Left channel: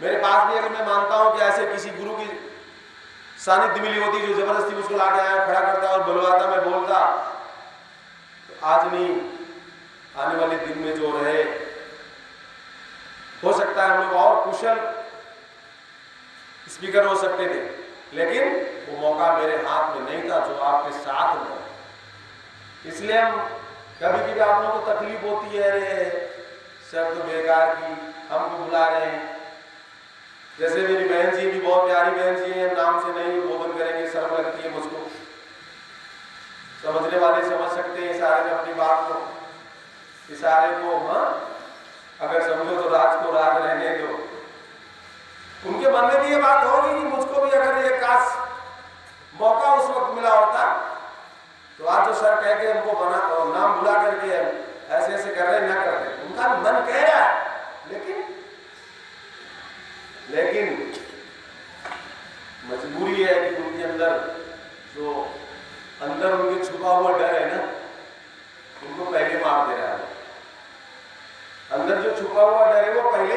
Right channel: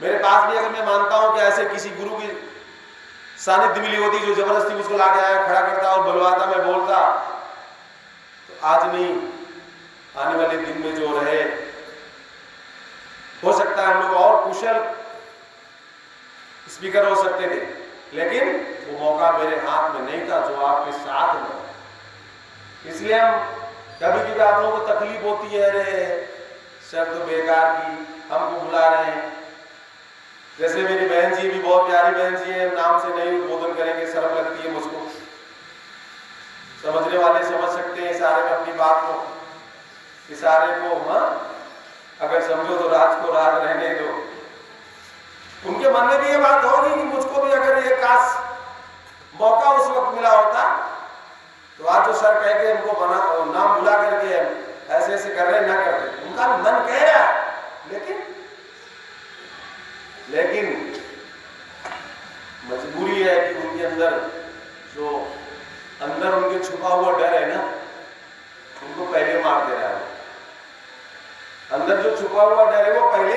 मेरे पास भी अगर मैं मानता हूं कि ऐसे किसी गुरु की सानिध्य मिली होती जो जबरदस्ती उसको लाके आया खड़ा करता और बुलवाता, मैं बोलता, तो आज नहीं, आने वाले दिन में जो रहे, हो सकता है हम लोग और कुशल स्पीकर हो सकते थे, लेकिन वो मौका मेरे हाथ में नहीं था जो आपके साथ में। इसलिए हम कभी भी आप लोगों को तकलीफ होती है, अरे सब तो बेकार की, हमको बुला रहे हैं। जैसे मेरी बहन जी भी बहुत प्यारी बहन जी है, हम नाम से नहीं उद्बोधन करेंगे, शर्म लगती है मुझको। समझने वाले समझ सकते हैं इशारे में अपनी बात को, इशारे को। हाँ, अगर समझो तो राज को राज रहने दो। उनके मन में भी ये बात होगी कि मुझको भी अगर ये काश मौका उस वक्त मिला होता तो आज जो सर कह के हमको बना नाम बुला करके ऐसे ऐसे कर रहे ना करते। उनका मन कह रहा है, लेकिन मजबूरी है कि उनके अंदर जो अंदर उनके छुपा हुआ डर है ना, उनको पहले मार दे रहा है। अंदर जो छुपा हुआ डर है वो पहले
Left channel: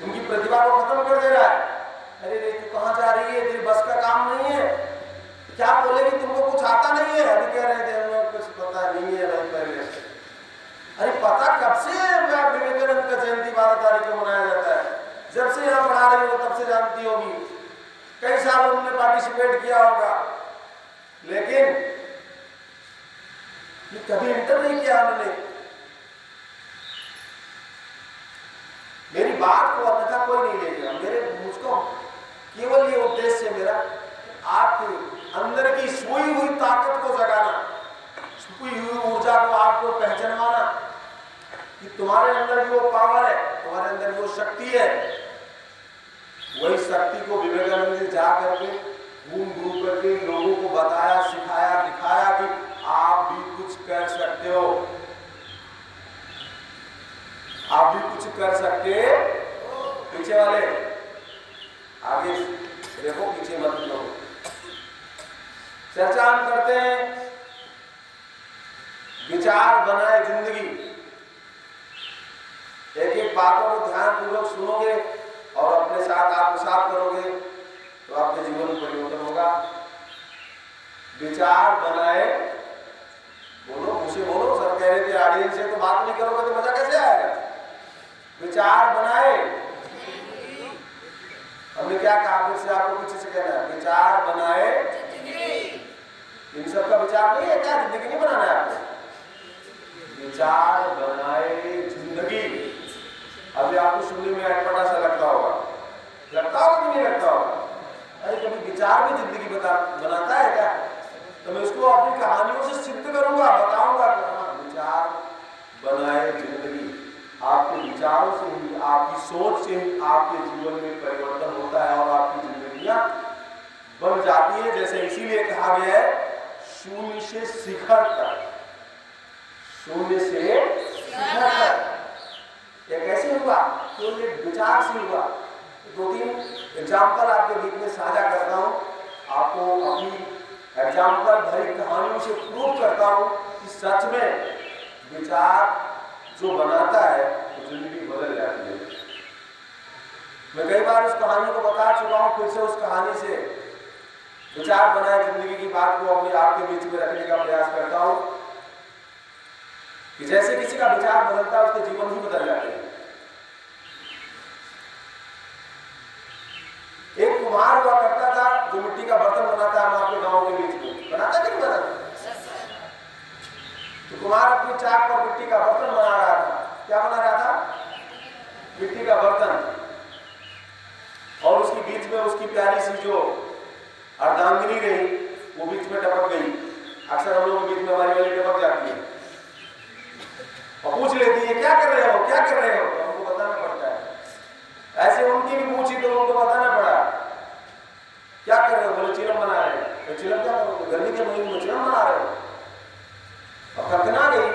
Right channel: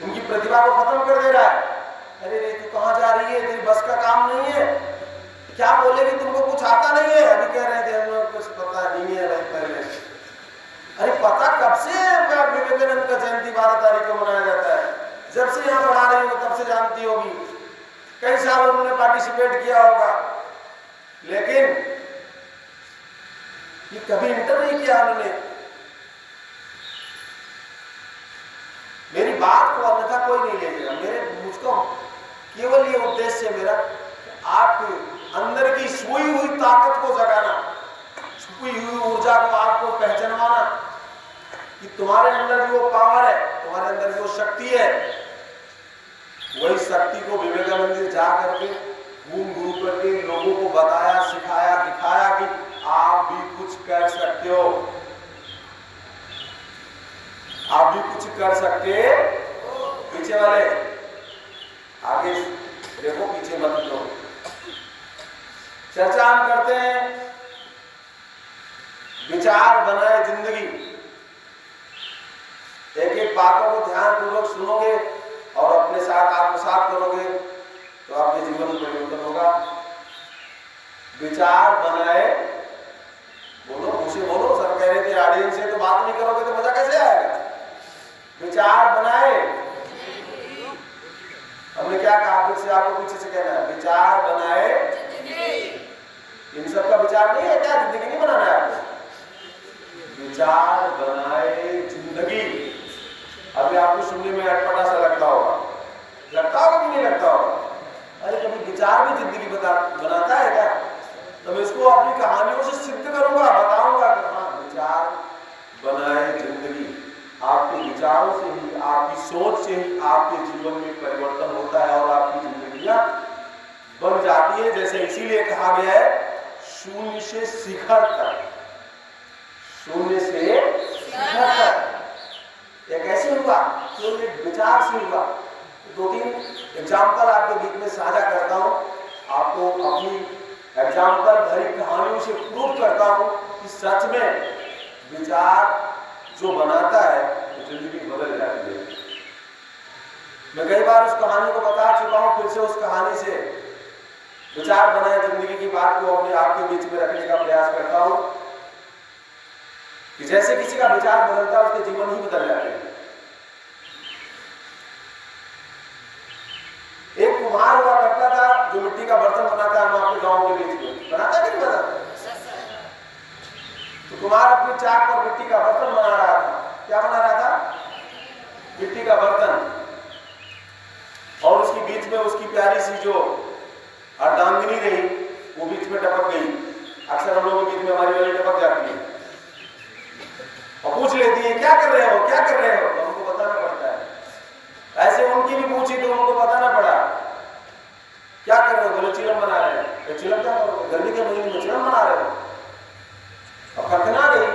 उनकी प्रतिभा को खत्म कर दे रहा है। अरे रे तू कहाँ जा रही है, तेरी बस का काम नहीं है, क्या बोलेगी, तुमको कुछ आता नहीं है। अभी कह रहे थे हम लोग कुछ पता नहीं है भाई पहले से। अरे पता कब से विवेकानंद का जयंती 12 तारीख को मनाया जाता है, जब से यहाँ पढ़ा रही हो तब से जानती होगी, कई साल उन्होंने पार्टिसिपेट किया होगा, लेकिन ये कभी इंटर नहीं किया उन्होंने। मेरी बात को अन्यथा कोई नहीं लेगा, मुझको केवल ये उद्देश्य है मेरा, आपके अंदर की सोई हुई ताकत को जगाना, छुपी हुई ऊर्जा को आपको पहचानवाना कि तुम्हारे अंदर भी वो पावर है, तुम्हारे अंदर भी वो शक्ति है। वही शक्ति को विवेकानंद जी जा करके घूम घूम करके लोगों को बताया, सिखाया, दिखाया कि आप भी कुछ कर सकते हो, आप भी कुछ कर सकते हो। पीछे वाले आगे देखो, पीछे मत लो। चर्चा हम करते हैं विचार बनाए जिंदगी। एक एक बातों को ध्यान पूर्वक सुनोगे और अपने साथ आत्मसात करोगे तो आपके जीवन में परिवर्तन होगा। विचार बनाए, बोलो मुझसे बोलो, सब कह रहे थे ऑडियंस से तो बात नहीं करोगे तो मजा कैसे आएगा। विचार बनाए, हमने क्या कहा, फिर से आपको पीछे से कहना है, विचार बनाए। इन सब का विचार नहीं है क्या, जिंदगी नहीं बनाना है आपको, विचार बनाए जिंदगी। अभी आपको सुनने में अटपटा सा लगता होगा कि नहीं लगता होगा। अरे कभी विचार भी जिंदगी बनाता है क्या? तो मैं इसको अपनी कहानियों से सिद्ध करूंगा, बताऊंगा कि हाँ, विचार बनाए जिंदगी। आपके विचारों से ही, आपकी सोच से ही आपके जीवन में परिवर्तन होता है और आपकी जिंदगियां बन जाती है। जैसे इसीलिए कहा गया है शून्य से शिखर तक, शून्य से शिखर तक। ये कैसे हुआ? केवल एक विचार से हुआ। 2-3 एग्जाम्पल आपके बीच में साझा करता हूं, आपको अपनी एग्जाम्पल भरी कहानियों से प्रूव करता हूं कि सच में विचार जो बनाता है तो जिंदगी बदल जाती है। मैं कई बार उस कहानी को बता चुका हूं, फिर से उस कहानी से विचार बनाए जिंदगी की बात को अपने आपके बीच में रखने का प्रयास करता हूं कि जैसे किसी का विचार बदलता है उसके जीवन ही बदल जाते हैं। एक कुम्हार हुआ करता था जो मिट्टी का बर्तन बनाता है, हम आपके गांव के बीच में बनाता नहीं बनाता। तो कुम्हार अपनी चाक पर मिट्टी का बर्तन बना रहा था। क्या बना रहा था? मिट्टी का बर्तन। और उसकी बीच में उसकी प्यारी सी जो अर्धांगिनी रही वो बीच में टपक गई। अक्सर हम लोगों के बीच में हमारी वाली टपक जाती है और पूछ लेती है क्या कर रहे हो, क्या कर रहे हो, तो हमको बताना पड़ता है। ऐसे उनकी भी पूछी तो उनको बताना पड़ा क्या कर रहे हो, बोले चिलम बना रहे हैं। चिलम क्या करोगे, गर्मी के महीने में चिलम बना रहे हो। अब खरखना गई,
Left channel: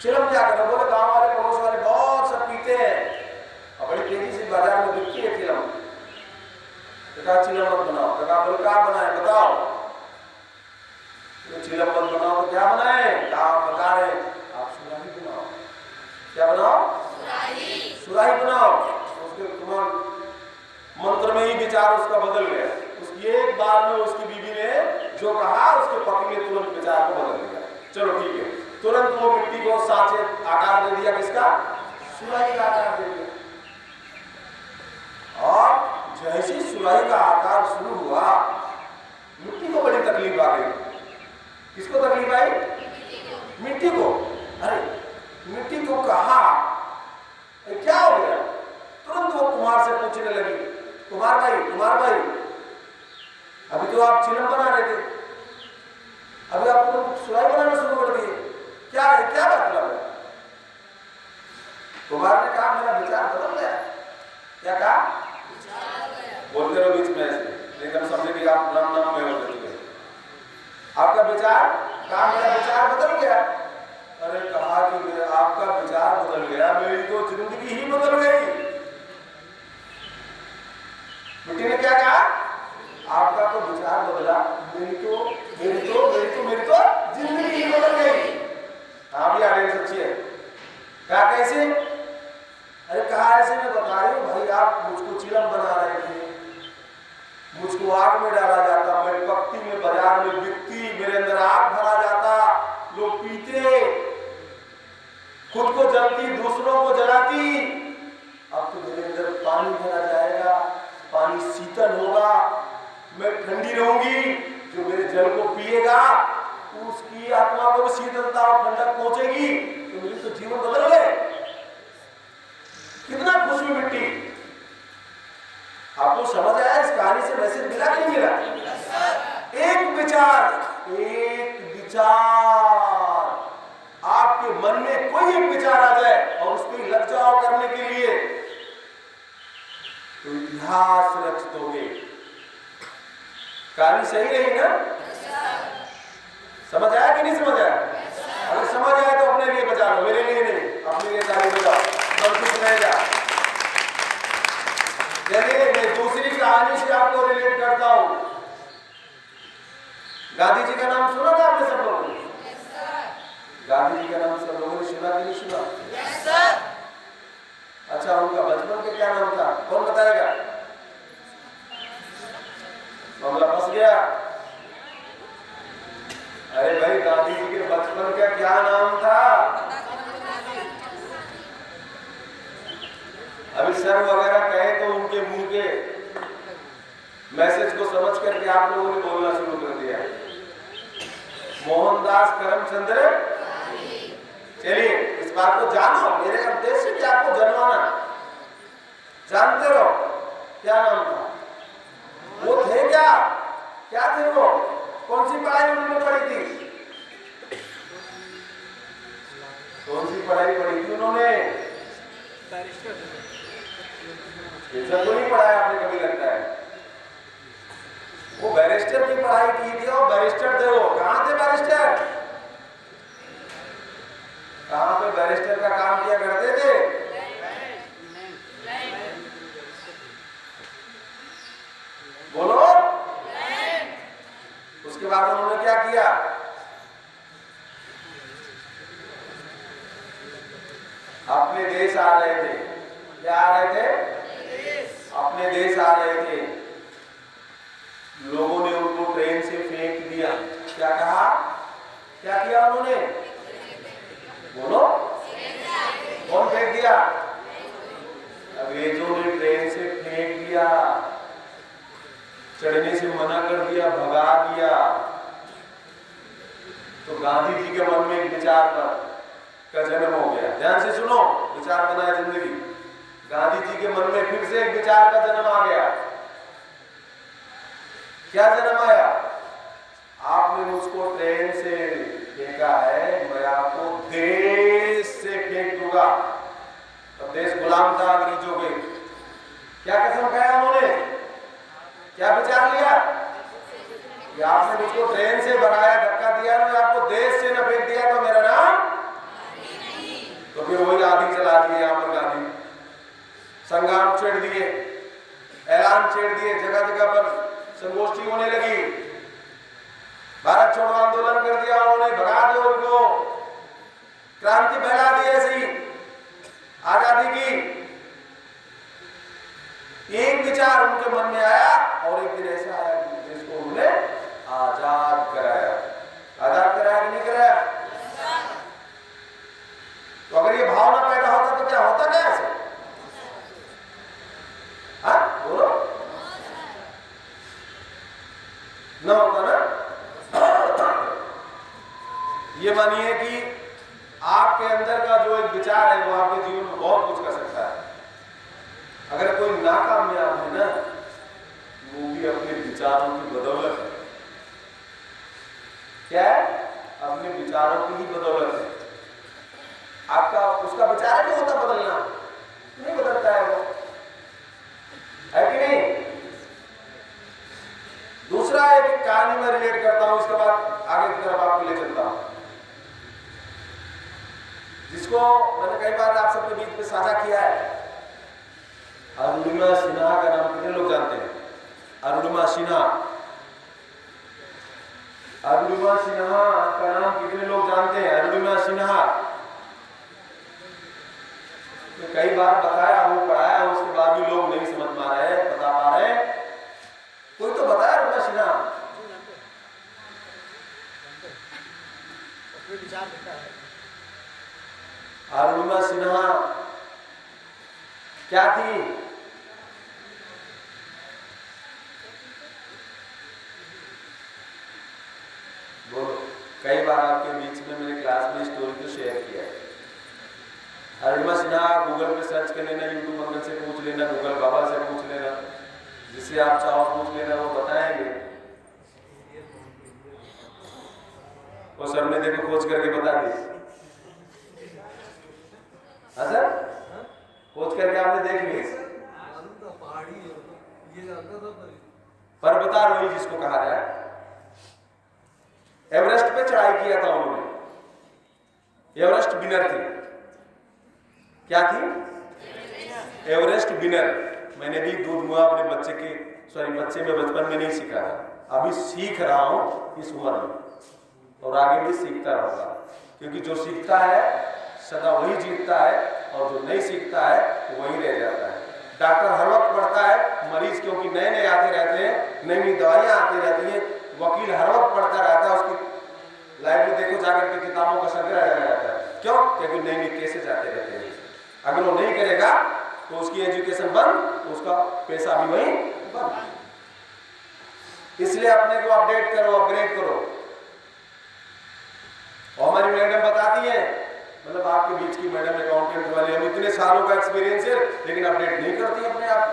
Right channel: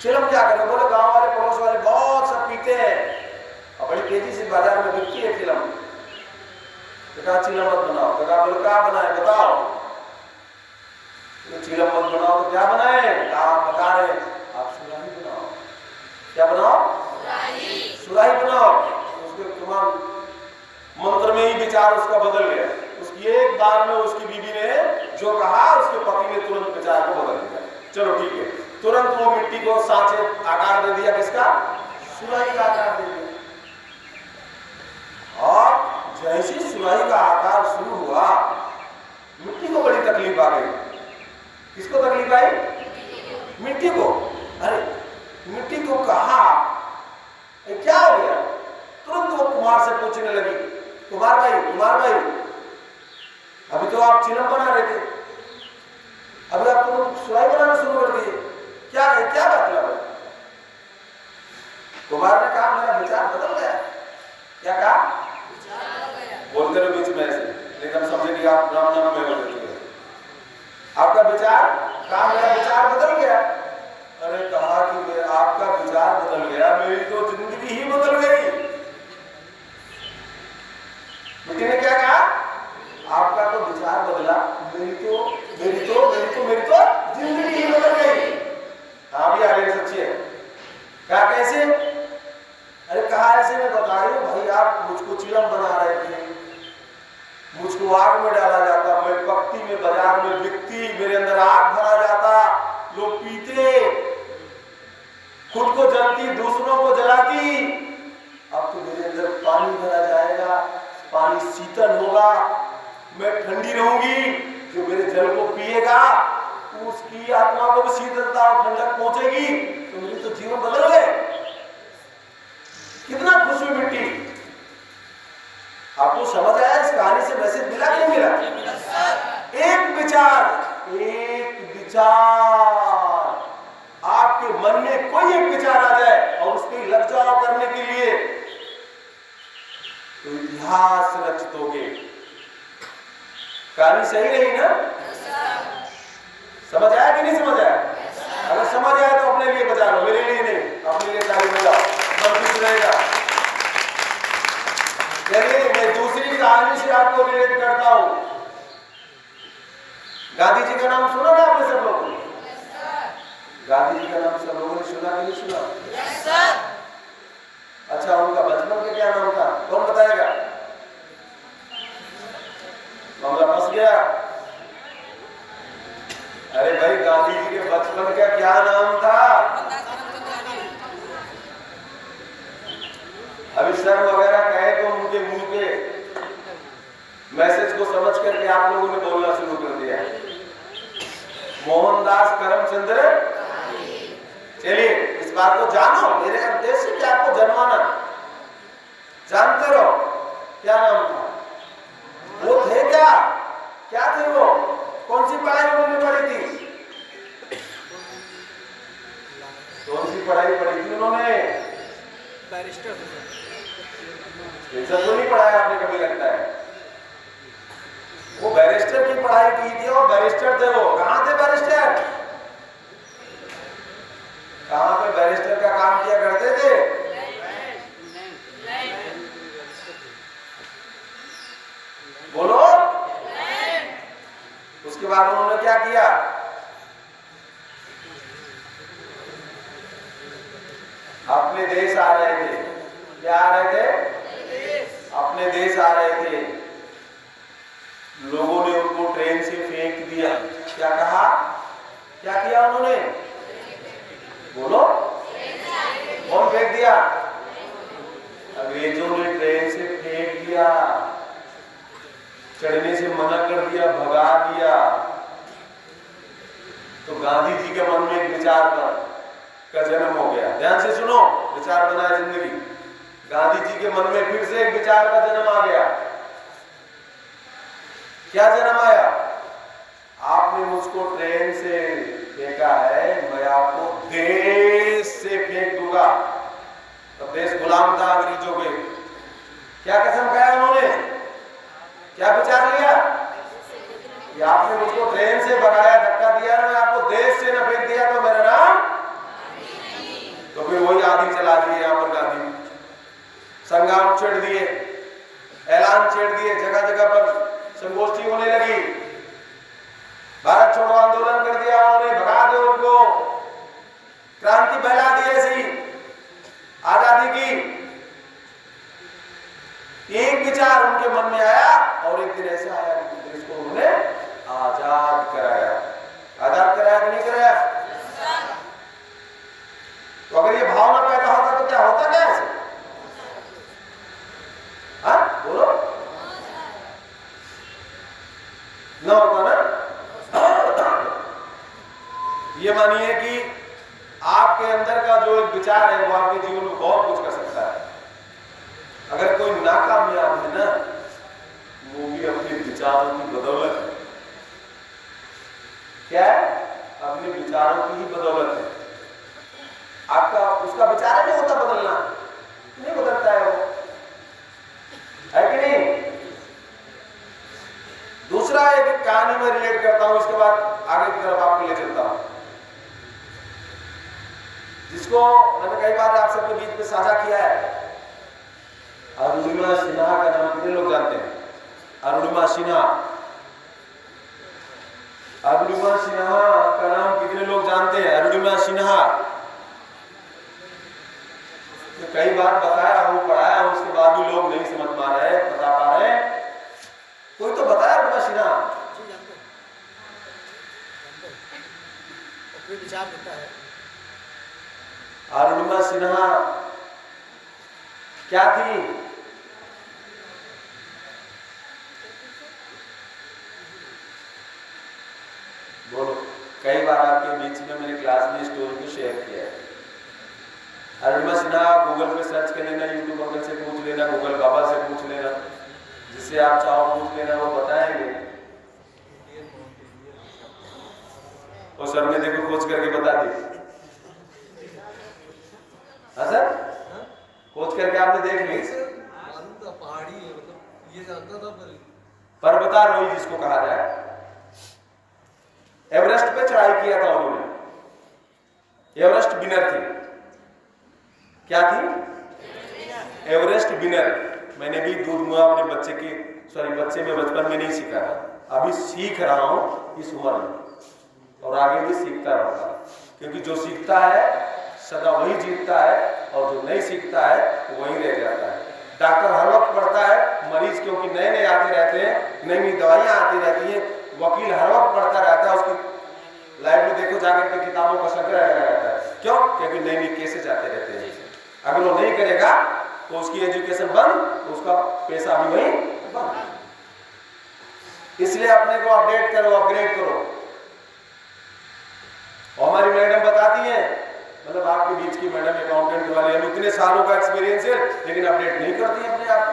चिलम क्या करो, बोले गांव वाले पड़ोस वाले बहुत सब पीते हैं और बड़ी तेजी से बाजार में बिकती है चिलम। तो कहा चिलम मत बनाओ। तो कहा बोले क्या बनाए बताओ। तो चिलम मत बनाओ तो क्या बनाए? आप बता रहे आप सुराही बनाओ। क्या बनाओ? सुराही बनाओ, उसके तुम्हारा मंत्र में ही विचार उसका बदल गया। उसकी एक बार में उसकी बीवी ने जो कहा, उसके पति ने तुरंत विचार को बदल दिया। चलो ठीक है, तुरंत वो मिट्टी को सांचे आकार दे दिया, किसका? सुराही का आकार दे दिया। और जैसी सुराही का आकार शुरू हुआ, मिट्टी को बड़ी तकलीफ आ गई। किसको तकलीफ आई? मिट्टी को। अरे मिट्टी को कहा क्या हो गया? तुरंत वो कुम्हार से पूछने लगी, कुम्हार भाई, अभी तो आप चिलम बना रहे थे, अभी आप तुरंत सुराही बनाना शुरू कर दिए, क्या मतलब है? कुम्हार ने कहा मेरा विचार बदल गया। क्या कहा? बोलते रहो बीच में ऐसे, नहीं तो हम समझेंगे आप राम में हो चुके। आपका विचार कहा? मेरा विचार बदल गया। अरे कहा कि आपका विचार बदल गया, मेरी तो जिंदगी ही बदल गई। मिट्टी ने क्या कहा? आपका तो विचार बदला, मेरी तो जिंदगी ही बदल गई। हाँ भी आगे सच्ची है। कहा कैसे? अरे कहा ऐसे मैं बता रही हूँ भाई, आप मुझको चिलम बना रहे थे, मुझको आग में डाला जाता, मैं पकती में बाजार में बिकती, मेरे अंदर आग भरा जाता, लोग पीते, खुद को जलती, दूसरों को जलाती। अब तो मेरे अंदर पानी भरा जाएगा, पानी शीतल होगा, मैं ठंडी रहूंगी, जो मेरे जल को पिएगा उसकी आत्मा को भी शीतलता और ठंडक पहुंचेगी, तो मेरी तो जीवन बदल गए। कितना खुश हुई मिट्टी। आपको समझ आया इस कहानी से मैसेज मिला कि नहीं मिला? एक विचार, आपके मन में कोई एक विचार आ जाए और उसकी लग जाओ करने के लिए, तो इतिहास रच दोगे। कहानी सही रही ना? समझ आया कि नहीं समझ आया? अगर समझ आया तो अपने लिए बचा लो, मेरे लिए नहीं, अपने लिए ताली बजा, मन खुश रहेगा। चलिए मैं दूसरी कहानी से आपको रिलेट करता हूं। गांधी जी का नाम सुना ना आपने सब लोगों ने? गांधी जी का नाम सब लोगों ने सुना कि नहीं सुना? Yes sir. अच्छा, उनका बचपन का क्या नाम था? कौन बताएगा? मामला फंस गया। अरे भाई, गांधी जी के बचपन का क्या नाम था? अभी सर वगैरह कहे तो उनके मुंह पे मैसेज को समझ करके आप लोगों ने बोलना शुरू कर दिया। मोहनदास करमचंद्र। चलिए इस बात को जानो, मेरे उद्देश्य कि आपको जनवाना, जानते रहो क्या नाम था, वो थे क्या थे वो, कौन सी पढ़ाई उन्होंने पढ़ी थी? कौन सी पढ़ाई पढ़ी थी उन्होंने? बैरिस्टर। तो नहीं पढ़ाया आपने कभी, लगता है वो बैरिस्टर की पढ़ाई की थी और बैरिस्टर थे। वो कहां थे बैरिस्टर? कहां पे बैरिस्टर का काम किया करते थे? बोलो। उसके बाद उन्होंने क्या किया? अपने देश आ रहे थे। क्या आ रहे थे? अपने देश आ रहे थे। लोगों ने उनको ट्रेन से फेंक दिया। क्या कहा? क्या किया उन्होंने? बोलो। कौन फेंक दिया? अंग्रेजों ने ट्रेन से फेंक दिया, चढ़ने से मना कर दिया, भगा दिया। तो गांधी जी के मन में एक विचार का जन्म हो गया। ध्यान से सुनो, विचार बना जिंदगी। गांधी जी के मन में फिर से एक विचार का जन्म आ गया। क्या जन्म आया? आपने मुझको ट्रेन से फेंका है, मैं आपको देश से फेंक दूंगा। तो देश गुलाम था अंग्रेजों के। क्या कसम खाया उन्होंने? क्या विचार लिया कि आपने मुझको ट्रेन से भगाया, धक्का दिया, मैं आपको देश से न फेंक दिया तो मेरा नाम। तो फिर वही आदि चला दिए यहाँ पर गांधी। संग्राम छेड़ दिए, ऐलान छेड़ दिए, जगह जगह पर संगोष्ठी होने लगी, भारत छोड़ो आंदोलन कर दिया उन्होंने, भगा दिया उनको, क्रांति फैला दी ऐसी आजादी की। एक विचार उनके मन में आया और एक दिन ऐसा आया कि देश को उन्होंने आजाद कराया। आजाद कराया कि नहीं कराया? तो अगर ये भावना पैदा होता तो क्या होता? क्या ऐसे? हाँ बोलो, ना होता ना। ये मानिए कि आपके अंदर का जो एक विचार है वो आपके जीवन में बहुत कुछ कर सकता है। अगर कोई नाकामयाब है ना, वो भी अपने विचारों की बदौलत है। क्या है? अपने विचारों की ही बदौलत है। आपका उसका विचार नहीं होता बदलना, नहीं बदलता है वो, है कि नहीं? दूसरा एक कहानी में रिलेट करता हूं, इसके बाद आगे की तरफ आपको ले चलता हूं, जिसको मैंने कई बार आप सबके बीच में साझा किया है। अरुणिमा सिन्हा का नाम कितने लोग जानते हैं? अरुणिमा सिन्हा, अरुणिमा सिन्हा का नाम कितने लोग जानते हैं? अरुणिमा सिन्हा कई बार बताया हूं, पढ़ाया हूं, उसके बाद भी लोग नहीं समझ पा रहे, बता पा रहे। कोई तो बताया अरुणिमा सिन्हा। अरुणिमा सिन्हा क्या थी? बोलो। कई बार आपके बीच में मैंने क्लास में स्टोरी को शेयर किया है। अरुणिमा सिन्हा गूगल पे सर्च कर लेना, यूट्यूब अंकल से पूछ लेना, गूगल बाबा से पूछ लेना, जिससे आप चाहो पूछ लेना, वो बताएंगे। और सर ने देखो खोज करके बता दी। हाँ सर, खोज करके आपने देख ली। पर्वतारोही जिसको कहा जाए, एवरेस्ट पे चढ़ाई किया था उन्होंने। एवरेस्ट विनर थी। क्या थी? Everest winner. मैंने भी दूध मुआ अपने बच्चे में बचपन में नहीं सीखा, अभी सीख रहा हूं इस उम्र में, और आगे भी सीखता रहूंगा, क्योंकि जो सीखता है सदा वही जीतता है, और जो नहीं सीखता है वो वही रह जाता है। डॉक्टर हर वक्त पढ़ता है, मरीज क्योंकि नए नए आते रहते हैं, नई नई दवाइयां आती रहती हैं। वकील हर वक्त पढ़ता रहता है, उसकी लाइफ में देखो जाकर के किताबों का संग्रह लगा रहता है। क्यों? क्योंकि नई नई केसेस आते रहते हैं। अगर वो नहीं करेगा तो उसकी एजुकेशन बंद, उसका पैसा भी वही बंद। इसलिए अपने को अपडेट करो, अपग्रेड करो। और हमारी मैडम बताती है, मतलब आपके बीच की मैडम अकाउंटेंट वाली, हम इतने सालों का एक्सपीरियंस है, लेकिन अपडेट नहीं करती अपने आप को,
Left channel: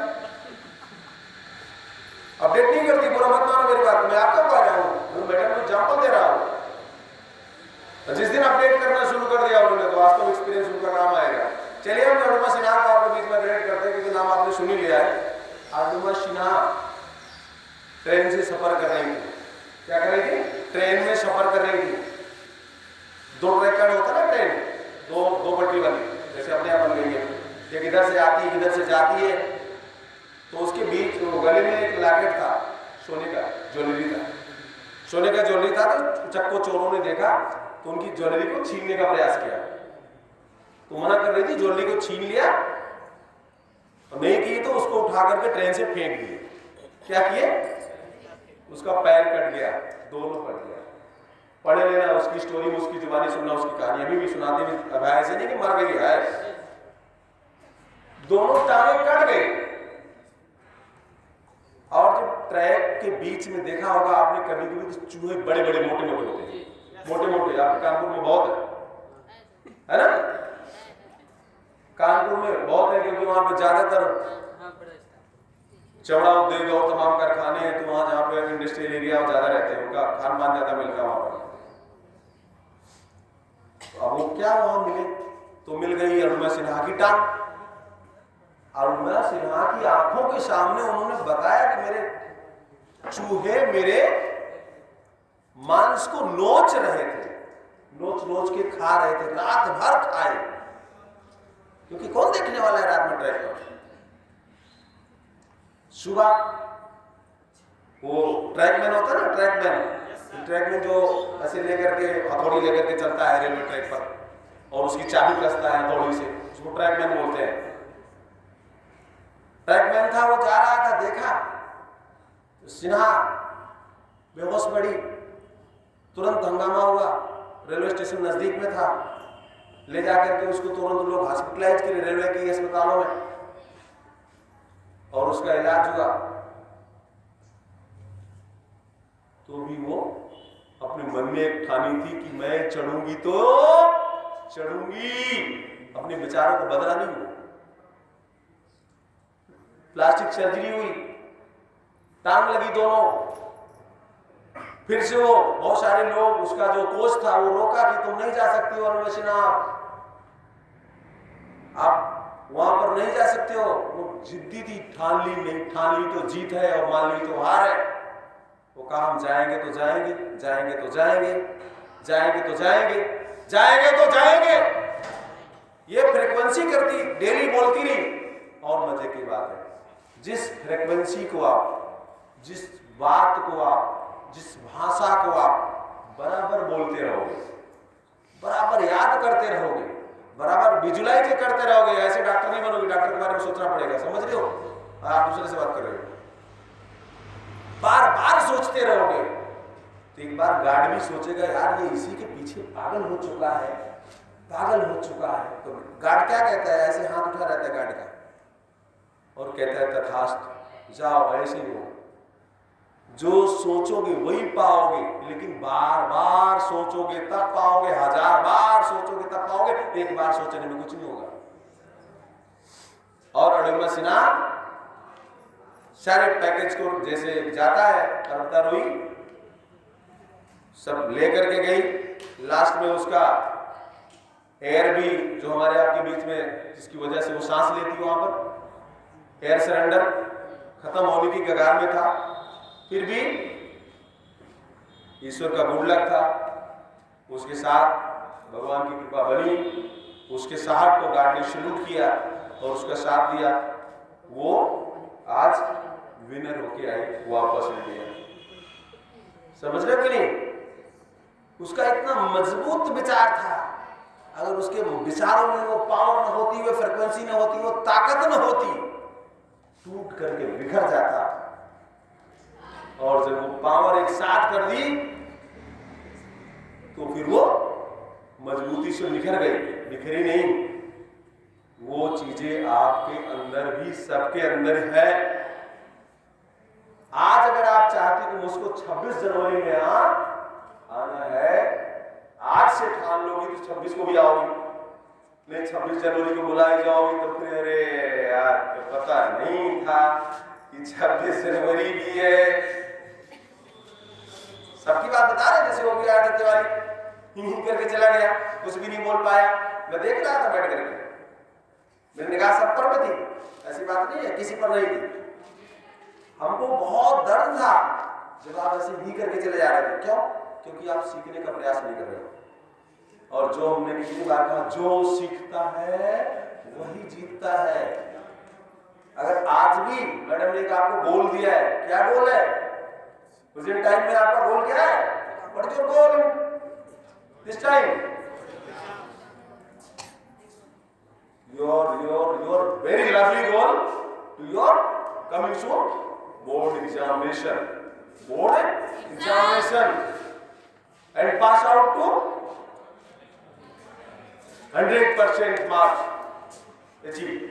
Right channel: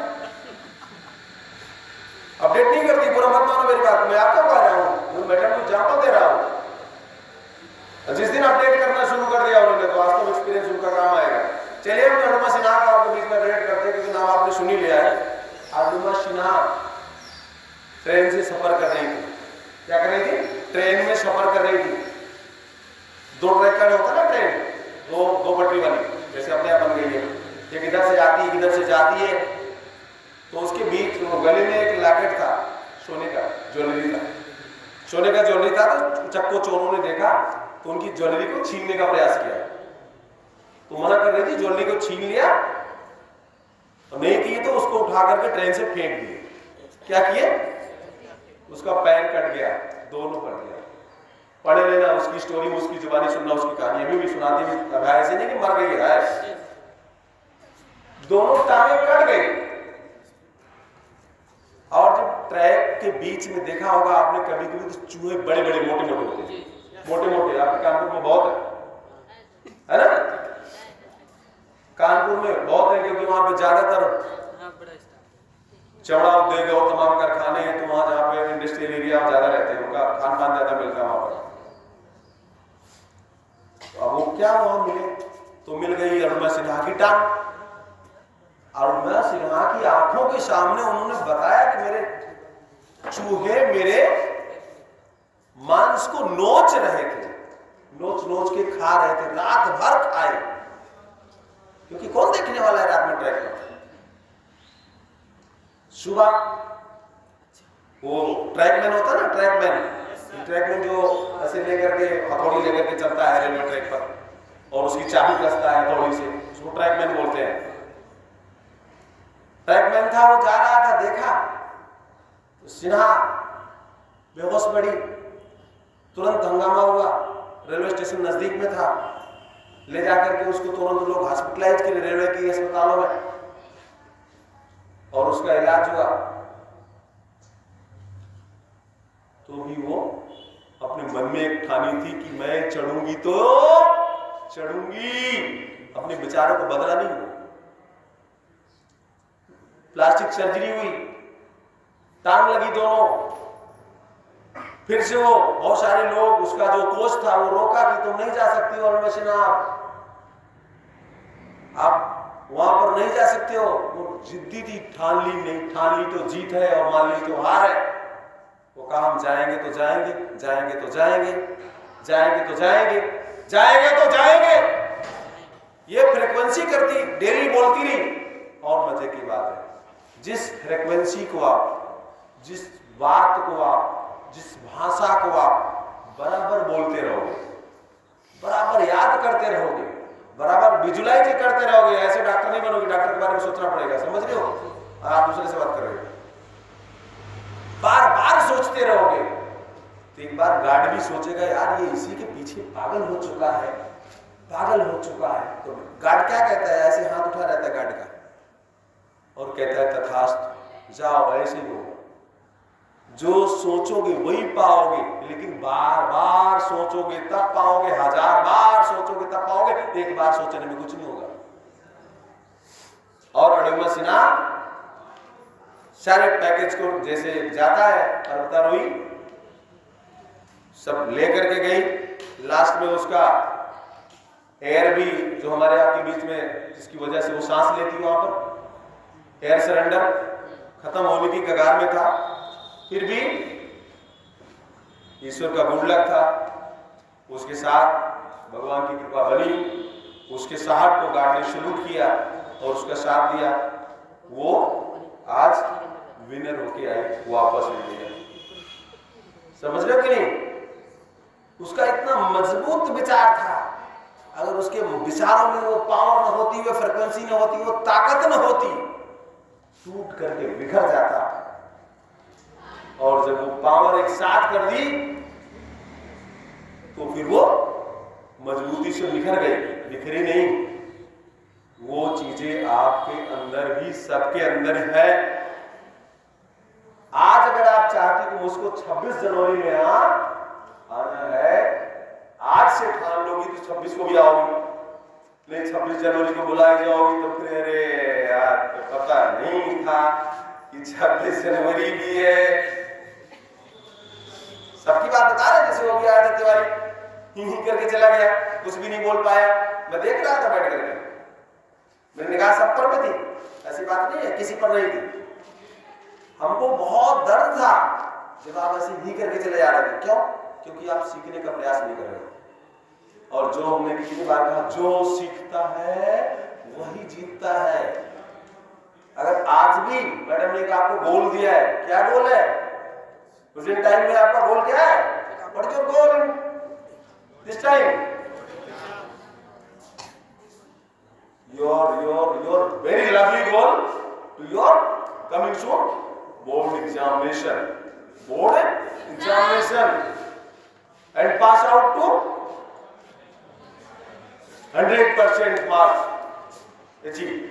अपडेट नहीं करती। बुरा मत मानो मेरी बात, मैं आपको कह रहा हूं, मैडम को एग्जाम्पल दे रहा हूं। जिस दिन अपडेट करना शुरू कर दिया उन्होंने, तो वास्तव एक्सपीरियंस उनका काम आएगा। चलिए हम अरुणिमा सिन्हा को आपके बीच में अपडेट करते हैं, क्योंकि नाम आपने सुन ही लिया है। अरुणिमा सिन्हा ट्रेन से सफर कर रही थी। क्या कर रही थी? ट्रेन में सफर कर रही थी। दो ट्रैक का होता है ना ट्रेन, दो पटरी वाली, जैसे अपने आप बन गई है। एक इधर से आती है, इधर से जाती है, तो उसके बीच गले में एक लॉकेट था, सोने का ज्वेलरी था। सोने का ज्वेलरी था, तो चक्को चोरों ने देखा तो उनकी ज्वेलरी को छीनने का प्रयास किया। तो मना कर रही थी, ज्वेलरी को छीन लिया, और नहीं किए तो उसको उठा करके ट्रेन से फेंक दिए। क्या किए? उसका पैर कट गया, दोनों कट गया। पढ़ लेना उसकी स्टोरी, उसकी जुबानी सुनना, उसकी कहानी अभी भी सुनाती हूँ। ऐसे नहीं कि मर गई है, दोनों टांगे कट गए। और जब ट्रैक के बीच में देखा होगा आपने कभी कभी, तो चूहे बड़े बड़े मोटे मोटे होते हैं, मोटे मोटे। आपके कानपुर में बहुत है ना? कानपुर में बहुत है, क्योंकि वहां पे ज्यादातर चमड़ा उद्योग और तमाम कारखाने हैं, तो वहां जहाँ पे इंडस्ट्रियल एरिया ज्यादा रहते हैं, उनका खान पान ज्यादा मिलता है वहां पर। तो अब वो क्या वहां मिले, तो मिल गई अरुणिमा सिन्हा की टांग। अरुणिमा सिन्हा की आंखों के सामने उन्होंने बताया कि मेरे चूहे मेरे मांस को नोच रहे थे, नोच नोच के खा रहे थे, रात भर खाए, क्योंकि कौन देखने वाला है रात में ट्रैक पर। सुबह वो ट्रैकमैन होता है ना, ट्रैकमैन जो ऐसे लेकर के हथौड़ी लेकर के चलता है रेलवे ट्रैक पर, और उसकी चाबी कसता है हथौड़ी से, उसको ट्रैकमैन बोलते हैं। ट्रैकमैन था, वो जा रहा था, देखा तो सिन्हा बेहोश पड़ी, तुरंत हंगामा हुआ, रेलवे स्टेशन नजदीक में था, ले जाकर के उसको तुरंत लोग हॉस्पिटलाइज किए रेलवे के अस्पतालों में, और उसका इलाज हुआ। तो भी वो अपने मन में एक ठानी थी कि मैं चढ़ूंगी तो चढ़ूंगी, अपने विचारों को बदला नहीं हुआ। प्लास्टिक सर्जरी हुई, टांग लगी दोनों, फिर से वो बहुत सारे लोग, उसका जो कोच था वो रोका कि तुम नहीं जा सकते हो अरुण मशीना, आप वहां पर नहीं जा सकते हो। वो जिद्दी थी, ठान ली, नहीं ठान ली तो जीत है और मान ली तो हार है। वो कहा हम जाएंगे तो जाएंगे, जाएंगे तो जाएंगे, जाएंगे तो जाएंगे, जाएंगे तो जाएंगे। ये फ्रीक्वेंसी करती, डेली बोलती रही। और मजे की बात है, जिस फ्रीक्वेंसी को आप, जिस बात को आप, जिस भाषा को आप बराबर बोलते रहोगे, बराबर याद करते रहोगे, बराबर विजुलाइज करते रहोगे, ऐसे डॉक्टर नहीं बनोगे, डॉक्टर के बारे में सोचना पड़ेगा, समझ रहे हो? आप दूसरे से बात कर रहे हो, बार बार सोचते रहोगे तो एक बार गार्ड भी सोचेगा यार ये इसी के पीछे पागल हो चुका है, पागल हो चुका है। तो गार्ड क्या कहता है, ऐसे हाथ उठा रहता है गार्ड का और कहता है तथास्तु, जाओ ऐसे ही हो, जो सोचोगे वही पाओगे, लेकिन बार बार सोचोगे तब पाओगे, 1000 बार सोचोगे तब पाओगे, एक बार सोचने में कुछ नहीं होगा। और अरुणिमा सिन्हा सारे पैकेज को जैसे जाता है, पर्वतारोही सब लेकर के गई। लास्ट में उसका एयर भी, जो हमारे आपके बीच में जिसकी वजह से वो सांस लेती वहां पर, एयर सरेंडर खत्म होने की कगार में था, फिर भी ईश्वर का गुड लक था, उसके साथ भगवान की कृपा बनी, उसके साहब को गार्ड ने सैल्यूट किया और उसका साथ दिया। वो आज विनर होके आई, वापस ले गया। समझ रहे कि नहीं? उसका इतना मजबूत विचार था, अगर उसके विचारों में वो पावर न होती, वो फ्रिक्वेंसी न होती, वो ताकत न होती, टूट करके बिखर जाता। और जब वो पावर एक साथ कर दी तो फिर वो मजबूती से निखर गई, बिखरी नहीं। वो चीजें आपके अंदर भी, सबके अंदर है। आज अगर आप चाहते कि मुझको 26 जनवरी में आना है, आज से ठान लोगी तो 26 को भी आओगी। नहीं 26 जनवरी को बुलाए जाओगी तो फिर अरे यार पता नहीं था कि 26 जनवरी भी है। सबकी बात बता रहे, जैसे वो भी आया था तिवारी, ही करके चला गया, कुछ भी नहीं बोल पाया। मैं देख रहा था बैठ करके, मेरी निगाह सब पर में थी, ऐसी बात नहीं है किसी पर नहीं थी। हमको बहुत दर्द था जब आप ऐसे ही करके चले जा रहे थे। क्यों? क्योंकि आप सीखने का प्रयास नहीं कर रहे। और जो हमने कितनी बार कहा, जो सीखता है वही जीतता है। अगर आज भी मैडम ने आपको गोल दिया है, क्या गोल है? प्रेजेंट टाइम में आपका गोल क्या है? What is your goal in this time? your very lovely goal to your coming soon board examination, and pass out to 100% marks achieve।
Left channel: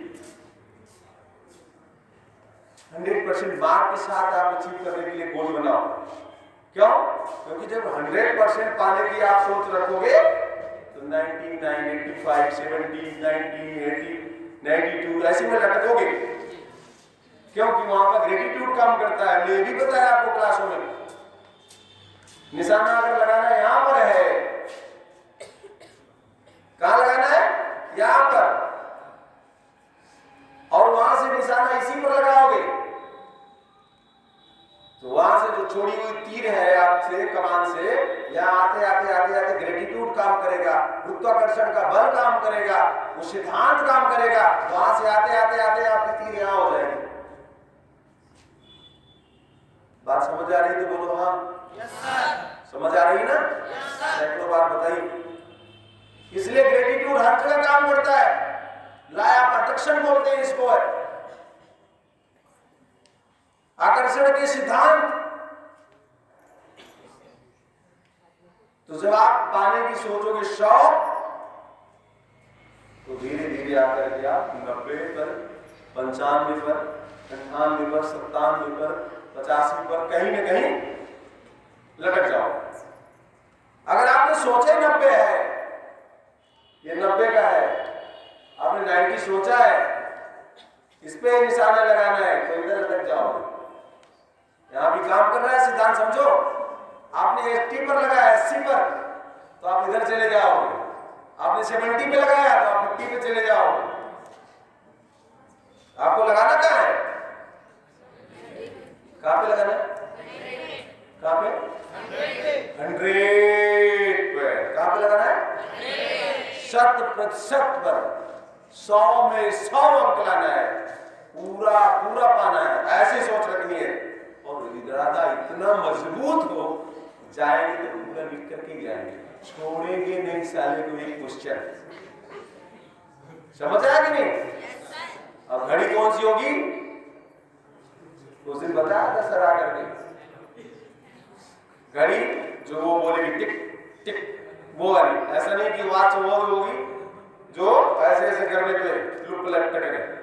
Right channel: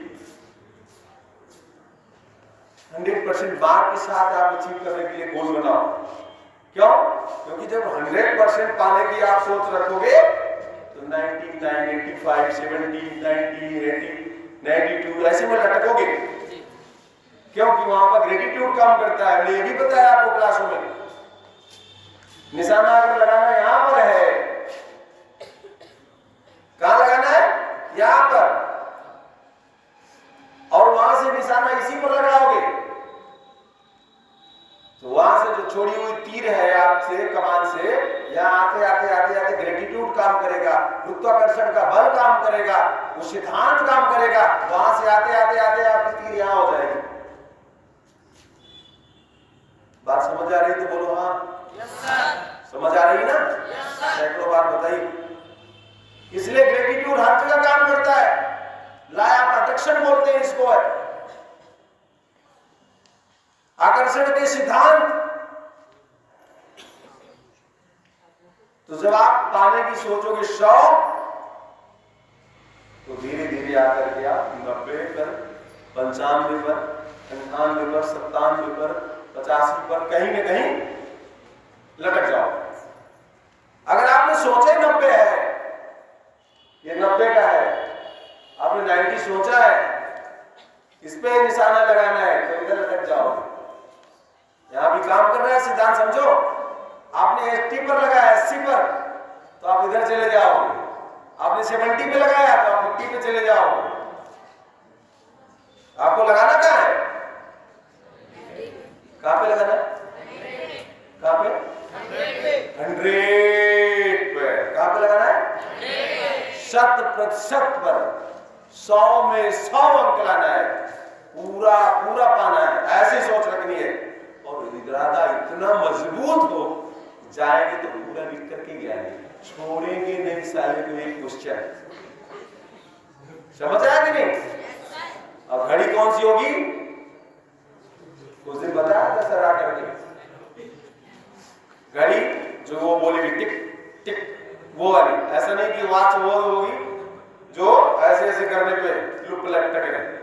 100% mark के साथ आप अचीव करने के लिए गोल बनाओ। क्यों? क्योंकि जब 100% पाने की आप सोच रखोगे तो 99, 85, 70, 90, 80, 92 ऐसे में लटकोगे। क्योंकि वहां पर ग्रेटिट्यूड काम करता है। मैं ये भी बताया आपको क्लासों में, निशाना अगर लगाना यहां पर है, कहां लगाना है? यहां पर, और वहां से निशाना इसी पर लगाओगे तो वहां से जो छोड़ी हुई तीर है आपसे कमान से, यहां आते आते आते आते ग्रेटिट्यूड काम करेगा, गुरुत्वाकर्षण का बल काम करेगा, वो सिद्धांत काम करेगा। वहां से आते आते आते आपकी तीर यहां हो जाएगी। बात समझ आ रही तो बोलो हाँ। Yes sir. समझ आ रही ना? Yes sir. सैकड़ों बार बताइए। इसलिए ग्रेटिट्यूड हर जगह काम करता है। लॉ ऑफ अट्रैक्शन बोलते हैं इसको है। आकर्षण के सिद्धांत। तो जब आप पाने की सोचोगे शौक, तो धीरे धीरे आकर के आप 90 पर, 95 पर, 98 पर, 97 पर, 85 पर कहीं न कहीं लटक जाओ। अगर आपने सोचे 90 है, ये 90 का है, आपने 90 सोचा है, इस पे निशाना लगाना है, तो इधर लटक जाओगे। यहां भी काम कर रहा है सिद्धांत, समझो। आपने 80 पर लगाया, 80 पर, तो आप इधर चले जाओगे। आपने 70 पे लगाया तो आप 50 पे चले जाओगे। आपको लगाना कहां है? कहां पे लगाना है? कहां पे? 100 पे। कहां पे लगाना है? 100% पर। 100 में 100 अंक लाना है, पूरा पूरा पाना है, ऐसी सोच रखनी है। और इरादा इतना मजबूत हो, जाएंगे तो पूरा लिख करके जाएंगे, छोड़ेंगे नहीं साले को एक क्वेश्चन। समझ आया कि नहीं? अब घड़ी कौन सी होगी? उस दिन बताया था सर आकर के, घड़ी जो वो बोलेगी टिक टिक, वो वाली। ऐसा नहीं कि वॉच वो होगी जो ऐसे ऐसे करने पे लुप लटके रहे।